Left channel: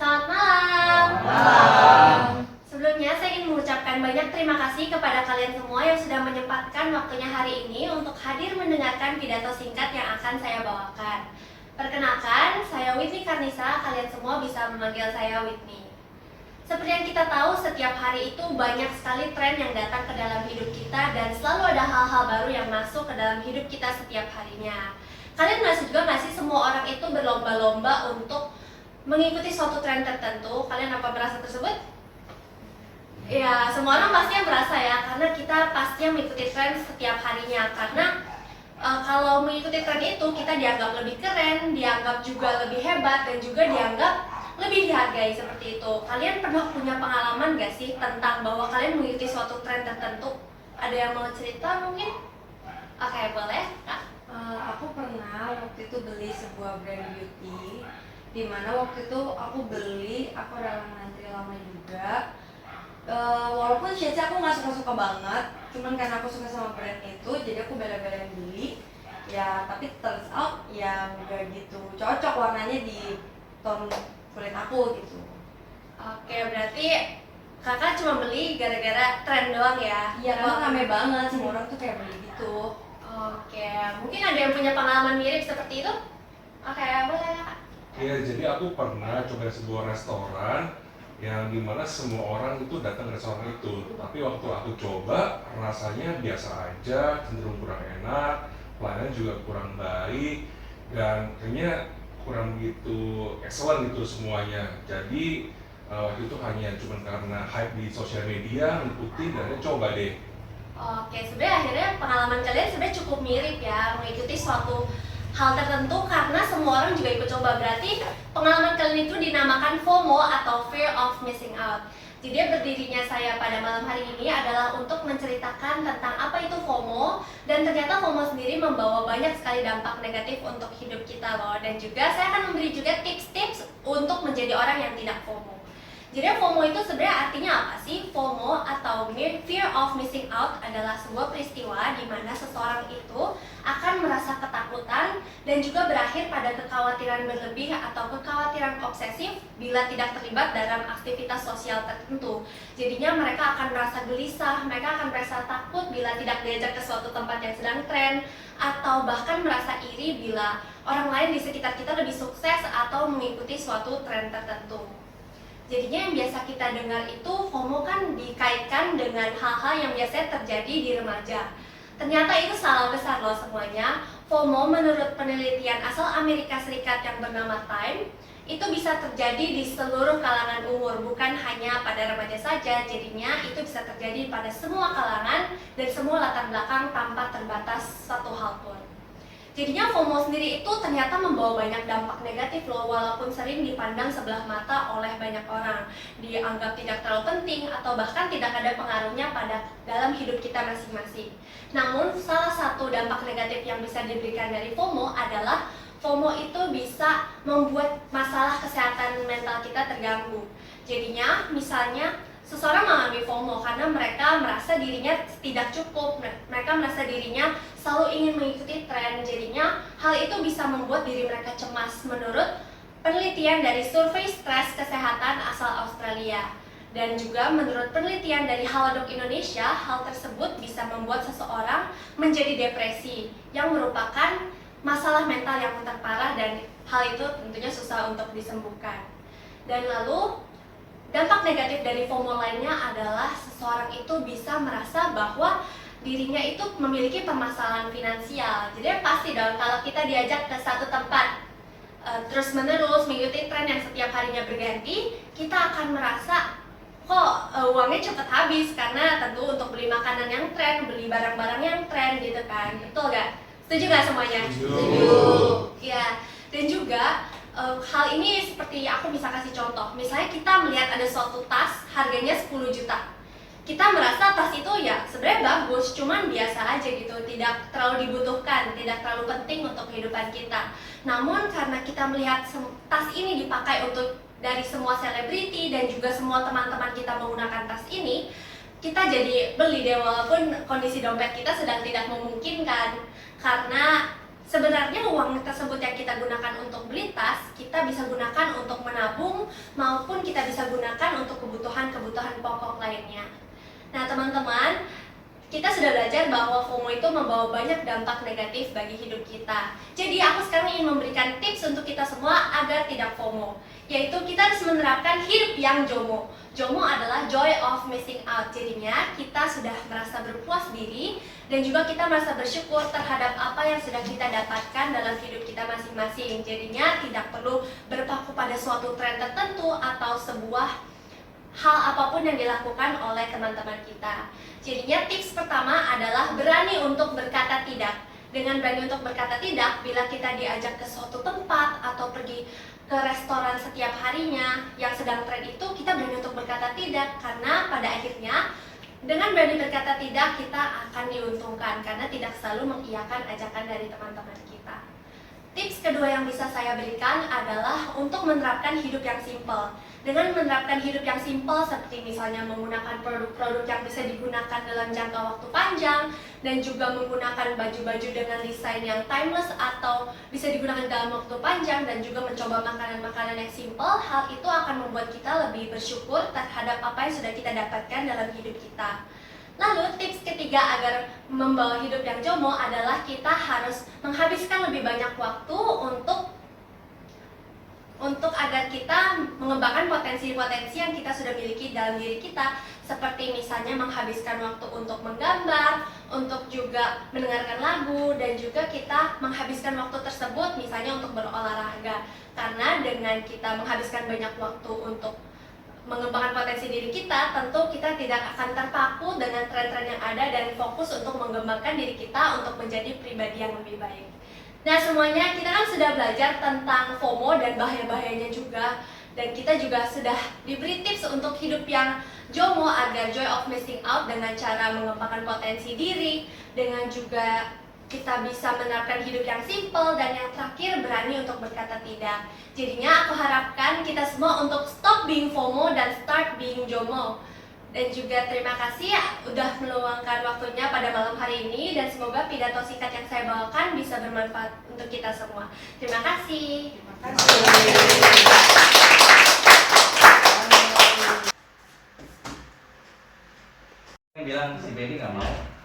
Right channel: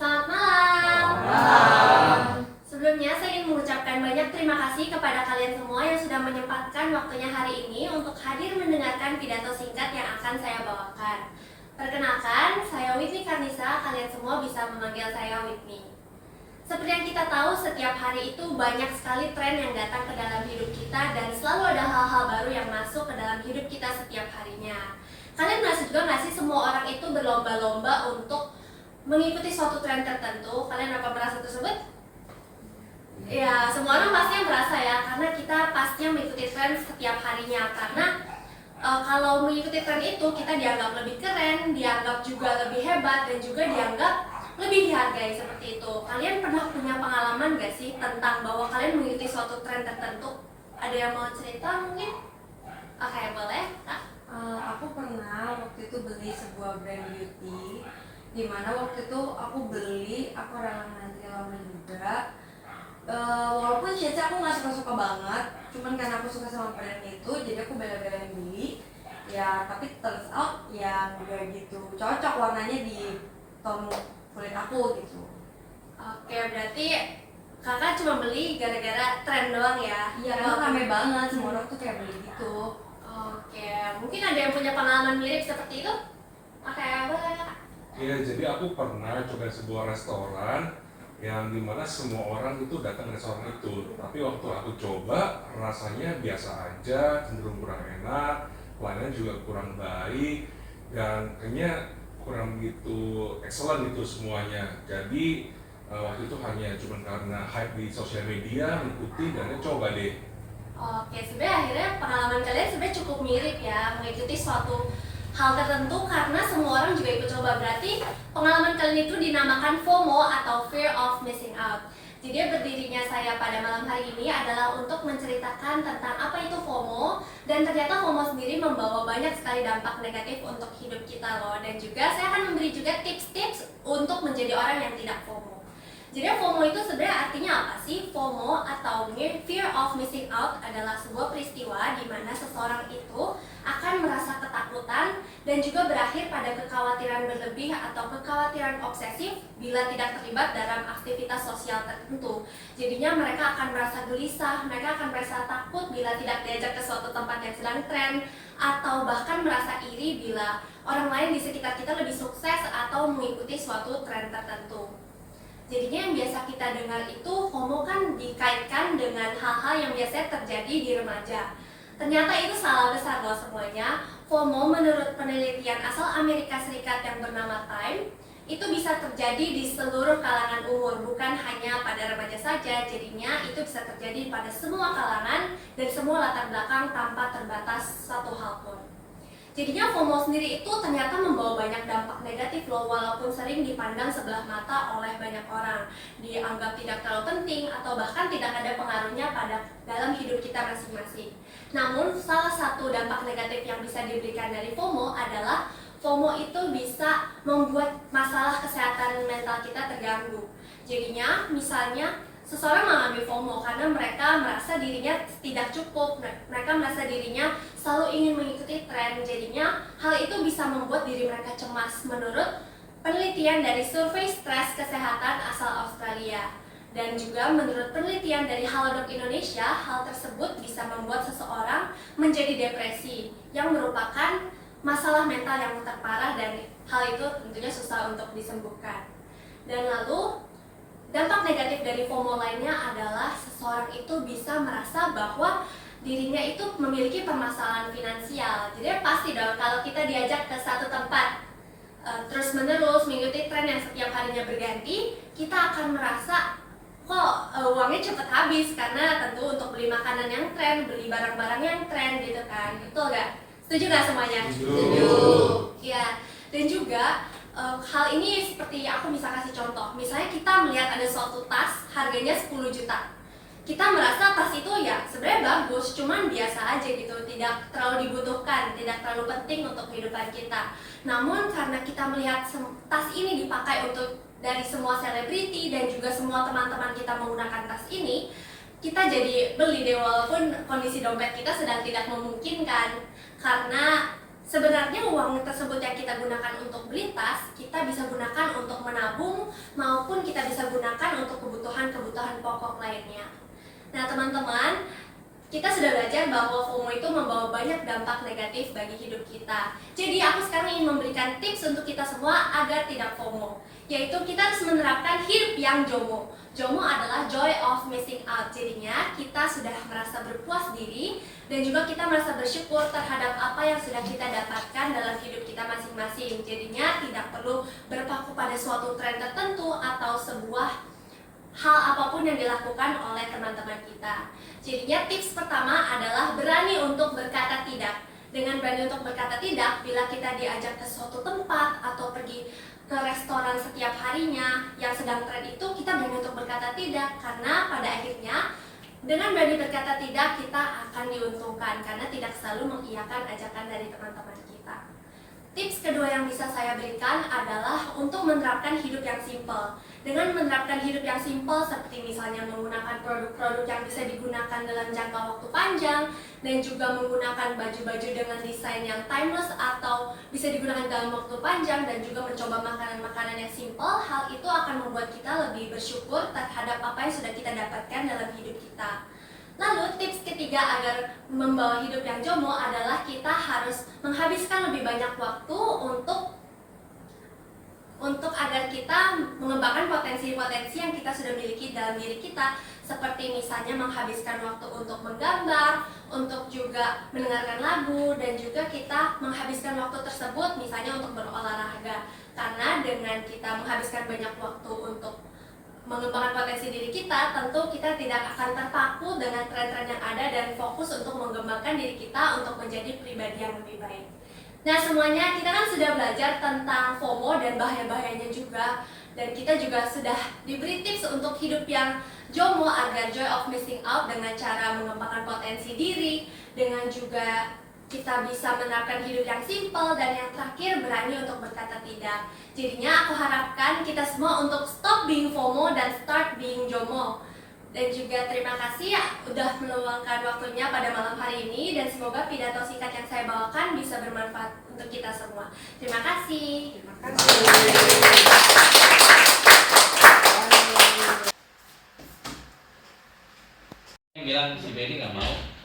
Selamat malam. Selamat malam. Sebelumnya saya ingin mengucapkan banyak terima kasih kepada kalian semua yang sudah menyempatkan waktunya hari ini untuk hadir mendengarkan pidato singkat yang akan saya bawakan. Perkenalkan, saya Whitney Karnisa, kalian semua bisa memanggil saya Whitney. Seperti yang kita tahu, setiap hari itu banyak sekali tren yang datang ke dalam hidup kita dan selalu ada hal-hal baru yang masuk ke dalam hidup kita setiap harinya. Kalian merasa juga nggak sih semua orang itu berlomba-lomba untuk mengikuti suatu tren tertentu? Kalian apa merasa tersebut? Ya, semua orang pasti yang merasa ya, karena kita pastinya mengikuti tren setiap harinya. Karena kalau mengikuti tren itu kita dianggap lebih keren, dianggap juga lebih hebat, dan juga dianggap lebih dihargai seperti itu. Kalian pernah punya pengalaman gak sih tentang bahwa kalian mengikuti suatu tren tertentu? Ada yang mau cerita mungkin? Oke, boleh Kak? Aku pernah waktu itu beli sebuah brand beauty, dimana waktu itu aku beli, aku rela ngantri lama juga. Walaupun shade aku nggak suka-suka banget, cuman karena aku suka sama brand itu, jadi aku bela-belain beli. Ya, tapi turns out ya nggak gitu cocok warnanya di tone kulit aku gitu. Oke, berarti kakak cuma beli gara-gara tren doang ya? Iya, karena rame banget, semua orang tuh kayak beli gitu. Oke, mungkin ada yang punya pengalaman mirip seperti itu? Oke, boleh Kak. Ya, jadi aku pernah coba sebuah restoran yang dimana semua orang itu datang ke restoran itu. Tapi waktu aku coba, rasanya biasa aja, cenderung kurang enak, pelayanan juga kurang baik, dan kayaknya kurang begitu excellent gitu semuanya. Jadi waktu itu hanya cuma karena hype di sosial media, mengikuti dan coba deh. Oke, sebenarnya akhirnya pengalaman kalian sebenarnya cukup mirip ya, mengikuti suatu hal tertentu karena semua orang juga ikut coba. Berarti pengalaman kalian itu dinamakan FOMO atau Fear of Missing Out. Jadi berdirinya saya pada malam hari ini adalah untuk menceritakan tentang apa itu FOMO, dan ternyata FOMO sendiri membawa banyak sekali dampak negatif untuk hidup kita loh. Dan juga saya akan memberi juga tips-tips untuk menjadi orang yang tidak FOMO. Jadi FOMO itu sebenarnya artinya apa sih? FOMO atau Fear of Missing Out adalah sebuah peristiwa di mana seseorang itu akan merasa ketakutan dan juga berakhir pada kekhawatiran berlebih atau kekhawatiran obsesif bila tidak terlibat dalam aktivitas sosial tertentu. Jadinya mereka akan merasa gelisah, mereka akan merasa takut bila tidak diajak ke suatu tempat yang sedang tren, atau bahkan merasa iri bila orang lain di sekitar kita lebih sukses atau mengikuti suatu tren tertentu. Jadinya yang biasa kita dengar itu FOMO kan dikaitkan dengan hal-hal yang biasanya terjadi di remaja. Ternyata itu salah besar loh semuanya. FOMO menurut penelitian asal Amerika Serikat yang bernama Time, itu bisa terjadi di seluruh kalangan umur, bukan hanya pada remaja saja. Jadinya itu bisa terjadi pada semua kalangan dan semua latar belakang tanpa terbatas satu hal pun. Jadinya FOMO sendiri itu ternyata membawa banyak dampak negatif loh, walaupun sering dipandang sebelah mata oleh banyak orang, dianggap tidak terlalu penting atau bahkan tidak ada pengaruhnya pada dalam hidup kita masing-masing. Namun salah satu dampak negatif yang bisa diberikan dari FOMO adalah FOMO itu bisa membuat masalah kesehatan mental kita terganggu. Jadinya misalnya seseorang mengalami FOMO karena mereka merasa dirinya tidak cukup, mereka merasa dirinya selalu ingin mengikuti tren. Jadinya hal itu bisa membuat diri mereka cemas menurut penelitian dari survei stres kesehatan asal Australia. Dan juga menurut penelitian dari Halodoc Indonesia, hal tersebut bisa membuat seseorang menjadi depresi yang merupakan masalah mental yang terparah, dan hal itu tentunya susah untuk disembuhkan. Dan lalu dampak negatif dari FOMO lainnya adalah seseorang itu bisa merasa bahwa dirinya itu memiliki permasalahan finansial. Jadi pasti dong kalau kita diajak ke satu tempat terus menerus mengikuti tren yang setiap harinya berganti, kita akan merasa kok uangnya cepat habis, karena tentu untuk beli makanan yang tren, beli barang-barang yang tren gitu kan. Betul gak? Setuju gak semuanya? Setuju. Ya, dan juga hal ini seperti aku bisa kasih contoh. Misalnya kita melihat ada suatu tas harganya 10 juta. Kita merasa tas itu ya sebenarnya bagus, cuman biasa aja gitu, tidak terlalu dibutuhkan, tidak terlalu penting untuk kehidupan kita. Namun karena kita melihat tas ini dipakai untuk dari semua selebriti dan juga semua teman-teman kita menggunakan tas ini, kita jadi beli deh walaupun kondisi dompet kita sedang tidak memungkinkan. Karena sebenarnya uang tersebut yang kita gunakan untuk beli tas, kita bisa gunakan untuk menabung maupun kita bisa gunakan untuk kebutuhan-kebutuhan pokok lainnya. Nah teman-teman, kita sudah belajar bahwa FOMO itu membawa banyak dampak negatif bagi hidup kita. Jadi aku sekarang ingin memberikan tips untuk kita semua agar tidak FOMO, yaitu kita harus menerapkan hidup yang JOMO. JOMO adalah joy of missing out. Jadinya kita sudah merasa berpuas diri dan juga kita merasa bersyukur terhadap apa yang sudah kita dapatkan dalam hidup kita masing-masing. Jadinya tidak perlu berpaku pada suatu tren tertentu atau sebuah hal apapun yang dilakukan oleh teman-teman kita. Jadinya tips pertama adalah berani untuk berkata tidak. Dengan berani untuk berkata tidak, bila kita diajak ke suatu tempat atau pergi ke restoran setiap harinya yang sedang tren itu, kita berani untuk berkata tidak, karena pada akhirnya dengan berani berkata tidak, kita akan diuntungkan karena tidak selalu mengiyakan ajakan dari teman-teman kita. Tips kedua yang bisa saya berikan adalah untuk menerapkan hidup yang simpel. Dengan menerapkan hidup yang simpel seperti misalnya menggunakan produk-produk yang bisa digunakan dalam jangka waktu panjang dan juga menggunakan baju-baju dengan desain yang timeless atau bisa digunakan dalam waktu panjang dan juga mencoba makanan-makanan yang simpel, hal itu akan membuat kita lebih bersyukur terhadap apa yang sudah kita dapatkan dalam hidup kita. Lalu tips ketiga agar membawa hidup yang JOMO adalah kita harus menghabiskan lebih banyak waktu untuk agar kita mengembangkan potensi-potensi yang kita sudah miliki dalam diri kita, seperti misalnya menghabiskan waktu untuk menggambar, untuk juga mendengarkan lagu, dan juga kita menghabiskan waktu tersebut misalnya untuk berolahraga. Karena dengan kita menghabiskan banyak waktu untuk mengembangkan potensi diri kita, tentu kita tidak akan terpaku dengan tren-tren yang ada dan fokus untuk mengembangkan diri kita untuk menjadi pribadi yang lebih baik. Nah semuanya, kita kan sudah belajar tentang FOMO dan bahaya-bahayanya juga, dan kita juga sudah diberi tips untuk hidup yang JOMO agar joy of missing out dengan cara mengembangkan potensi diri, dengan juga kita bisa menerapkan hidup yang simple, dan yang terakhir berani untuk berkata tidak. Jadinya aku harapkan kita semua untuk stop being FOMO dan start being JOMO. Dan juga terima kasih udah meluangkan waktunya pada malam hari ini, dan semoga pidato singkat yang saya bawakan bisa bermanfaat untuk kita semua. Terima kasih. Terima kasih. Yang bilang si Benny nggak mau.